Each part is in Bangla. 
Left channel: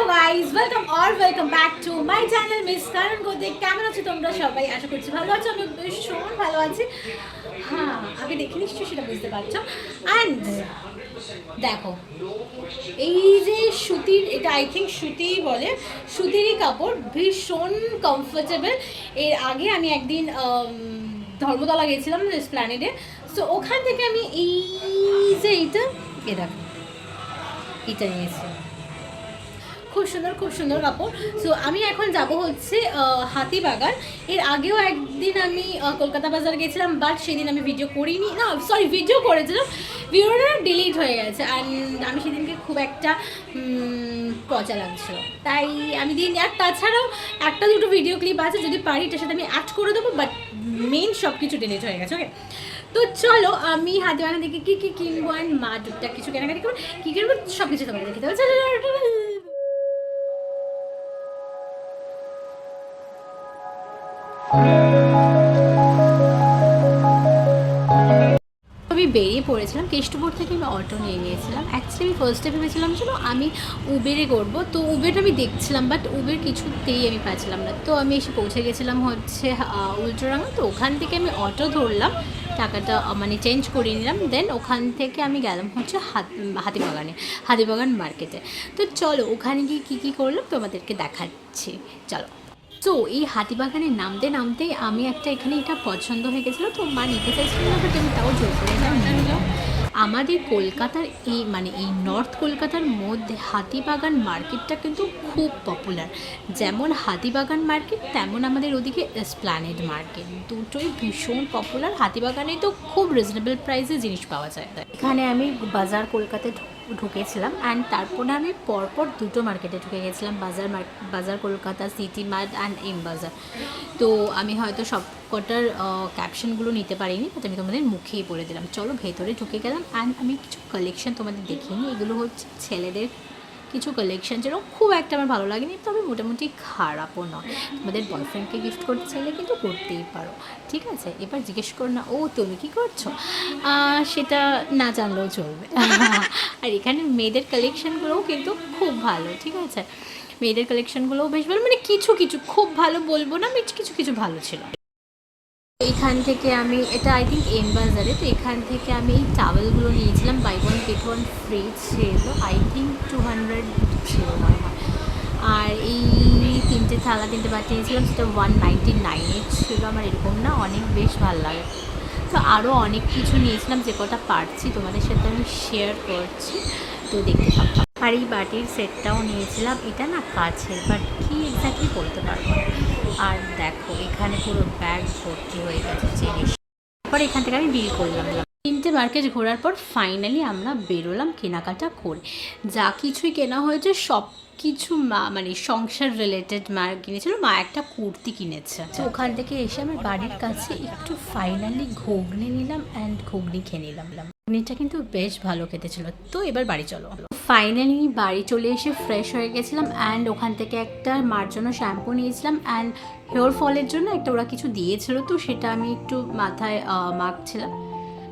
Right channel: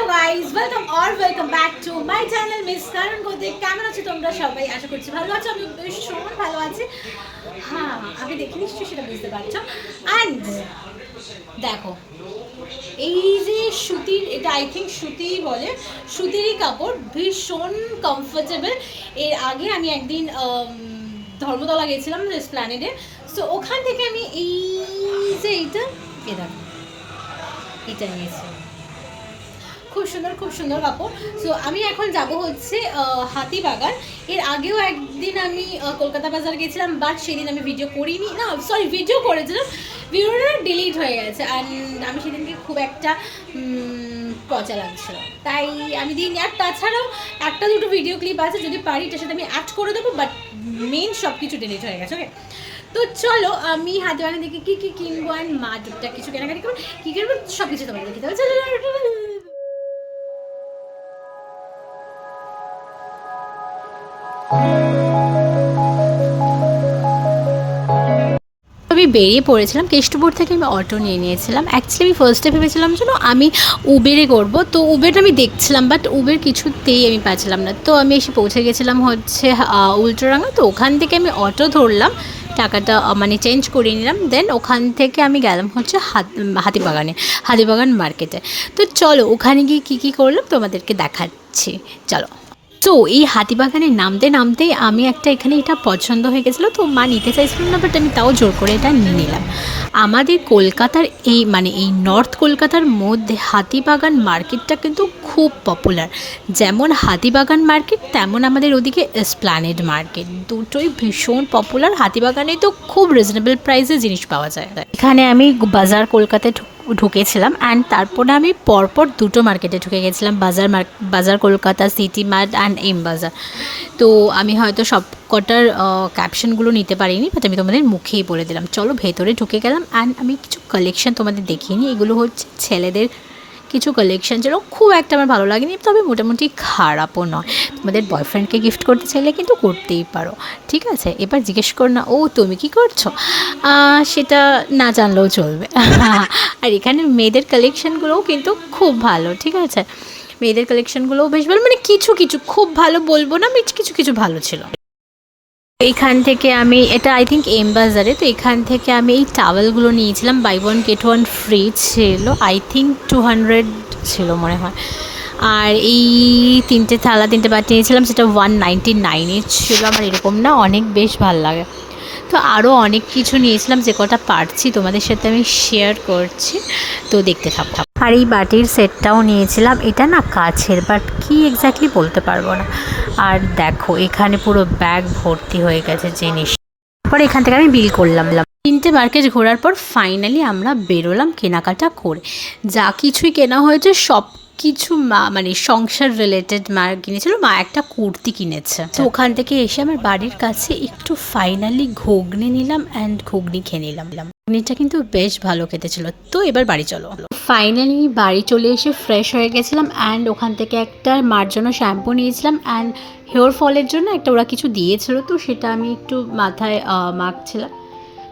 Hello guys welcome or welcome back to my channel miss কারণ গোদে কেমন আছো তোমরা সবাই? আশা করছি ভালো আছো। আমি ভীষণ ভালো আছি। হ্যাঁ আগে দেখে নিশ্চয়ই সেটা বুঝতে পারছ। অ্যান্ড দেখো, এই যে সুতির, এটা আই থিঙ্ক সুতি বলে। সুতিরই কাপড়, ভীষণ কমফোর্টেবল এর আগে আমি একদিন ধর্মতলা গেছিলাম প্ল্যানেডে। সো ওখান থেকে আমি এই যে এইটা এটা এটা নিয়েছিলাম সুন্দর, খুব সুন্দর কাপড়। সো আমি এখন যাব হচ্ছে হাতিবাগান। এর আগেও একদিন আমি কলকাতা বাজার গেছিলাম বাট সেদিন আমি ভিডিও করিনি। না সরি ভিডিও করেছিলাম। ভিডিওটা ডিলিট হয়ে গেছে। অ্যান্ড আমি সেদিনকে খুব একটা পচা লাগছিল। তাই আমি দিন আর তাছাড়াও একটা দুটো ভিডিও ক্লিপ আছে, যদি পারি, এটার সাথে আমি অ্যাড করে দেবো বাট মেন সব কিছু ডিলিট হয়ে গেছে ওকে তো চলো, আমি হাতিবাগান থেকে কী কী কিনবো অ্যান্ড মা কিছু কেনাকাটি করব। কী কিনবো? সব কিছু তোমাদের দেখতে হবে চলো। আমি বেরিয়ে পড়েছিলাম, কেষ্টপুর থেকে আমি অটো নিয়ে নিয়েছিলাম। অ্যাকচুয়ালি আমি ফার্স্টে ভেবেছিলাম যেন আমি উবেরে করব। তো উবের আমি দেখছিলাম বাট উবের কিছুতেই আমি পাচ্ছিলাম না। তো আমি এসে পৌঁছে গেছিলাম হচ্ছে উল্টোরাঙা। তো ওখান থেকে আমি অটো ধরলাম। টাকাটা মানে চেঞ্জ করে নিলাম। দেন ওখান থেকে আমি গেলাম হচ্ছে হাত, হাতিবাগানে, হাতিবাগান মার্কেটে তো চলো, ওখানে গিয়ে কী কী করলাম তোমাদেরকে দেখাচ্ছি। চলো। তো এই হাতিবাগানে নামতে নামতে আমি একটা এখানে এটা পছন্দ হয়ে গেছিল, তো মা নিতে চাইছিলাম না বাট আমি তাও জোর করে এটা নিয়ে নিলাম। আমাদের কলকাতার এই মানে এই নর্থ কলকাতার মধ্যে হাতিবাগান মার্কেটটা কিন্তু খুব পপুলার যেমন হাতিবাগান মার্কেট তেমন আমাদের ওদিকে এসপ্ল্যানেড মার্কেট দুটোই ভীষণ পপুলার হাতিবাগানে তো খুব রিজনেবল প্রাইসে জিনিস পাওয়া যায়। এখানে আমি বাজার কলকাতায় ঢুকেছিলাম অ্যান্ড তারপরে আমি পরপর দুটো মার্কেটে ঢুকে গেছিলাম, Bazaar Bazaar Kolkata City Mart and M Bazaar. তো আমি হয়তো সব কটার ক্যাপশনগুলো নিতে পারিনি বাট আমি তোমাদের মুখেই বলে দিলাম। চলো ভেতরে ঢুকে গেলাম অ্যান্ড আমি কিছু কালেকশন তোমাদের দেখিনি এগুলো হচ্ছে ছেলেদের কিছু কালেকশন যেন খুব একটা আমার ভালো লাগেনি, তবে মোটামুটি খারাপও নয়। তোমাদের বয়ফ্রেন্ডকে গিফট করতে চাইলে কিন্তু করতেই পারো, ঠিক আছে? এবার জিজ্ঞেস কর না, ও, তুমি কি করছ? সেটা না জানলেও চলবে। আর এখানে মেয়েদের কালেকশনগুলোও কিন্তু খুব ভালো, ঠিক আছে? মেয়েদের কালেকশনগুলোও বেশ ভালো মানে কিছু কিছু, খুব ভালো বলব না কিছু কিছু ভালো ছিল। এইখান থেকে আমি, এটা আই থিঙ্ক এম বাজারে তো এখান থেকে আমি এই টাওয়েলগুলো নিয়েছিলাম buy one get one free ছিল আই থিঙ্ক টু হান্ড্রেড ছিল মনে হয়। আর এই তিনটে থালা, তিনটে বাটি নিয়েছিলাম, সেটা ওয়ান নাইনটি নাইনে ছিল, আমার এরকম না, অনেক বেশ ভালো লাগে। তো আরও অনেক কিছু নিয়েছিলাম, যে কটা পারছি, তোমাদের সাথে আমি শেয়ার করছি, তো দেখতে থাকতাম আর এই বাটির সেটটাও নিয়েছিলাম, এটা না কাছের বাট কি এক্স্যাক্টলি বলতে পারব না। আর দেখো, এখানে পুরো ব্যাগ ভর্তি হয়ে গেছে জিনিস। পরে এখান থেকে আমি বিল করলাম তিনটে মার্কেট ঘোরার পর ফাইনালি আমরা বেরোলাম কেনাকাটা করে। যা কিছুই কেনা হয়েছে, সব কিছু মা মানে সংসার রিলেটেড মা কিনেছিল, মা একটা কুর্তি কিনেছে। তো ওখান থেকে এসে আমার বাড়ির কাছে একটু ফাইনালি ঘুগনি নিলাম অ্যান্ড ঘুগনি খেয়ে নিলাম। ঘুগনিটা কিন্তু বেশ ভালো খেতে ছিল তো এবার বাড়ি চলো। ফাইনালি বাড়ি চলে এসে ফ্রেশ হয়ে গেছিলাম অ্যান্ড ওখান থেকে একটা মার জন্য শ্যাম্পু নিয়েছিলাম অ্যান্ড হেয়ার ফলের জন্য একটা ওরা কিছু দিয়েছিল, তো সেটা আমি একটু মাথায় মাখছিলাম।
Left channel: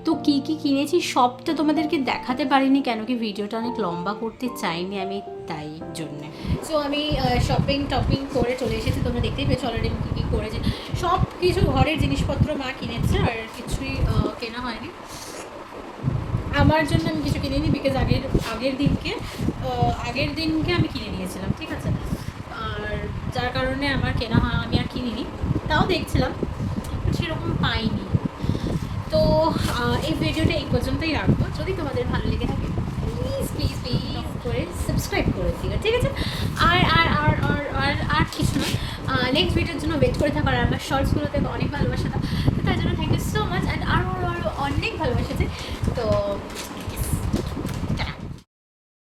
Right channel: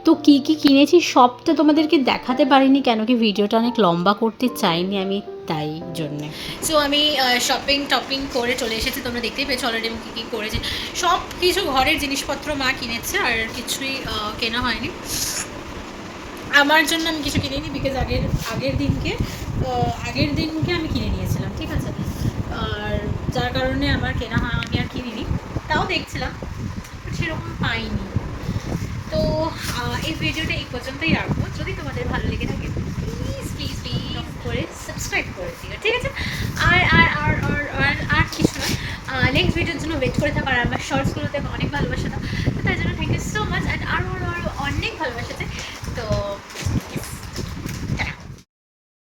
তো কী কী কিনেছি সব তো তোমাদেরকে দেখাতে পারিনি, কেন কি ভিডিওটা অনেক লম্বা করতে চাইনি আমি তাই জন্যে। সো আমি শপিং টপিং করে চলে এসেছি, তোমরা দেখতেই পেয়েছ অলরেডি আমি কী কী করেছি। সব কিছু ঘরের জিনিসপত্র মা কিনেছে, আর কিছুই কেনা হয়নি। আমার জন্য আমি কিছু কিনে কিনিনি বিকজ আগের আগের দিনকে আগের দিনকে আমি কিনে নিয়েছিলাম ঠিক আছে আর যার কারণে আমার কেনা হয় আমি আর কিনিনি তাও দেখছিলাম সেরকম পাইনি তো এই ভিডিওটা এই পর্যন্তই রাখব যদি তোমাদের ভালো লেগে থাকে প্লিজ প্লিজ প্লিজ করে সাবস্ক্রাইব করে দিও ঠিক আছে আর আর আর আর আর কিছু না নেক্সট ভিডিওর জন্য ওয়েট করে থাকার আর আমার শর্টসগুলোতে অনেক ভালোবাসা তো তার জন্য thank you so much and আরও আরও আরও অনেক ভালোবাসা তো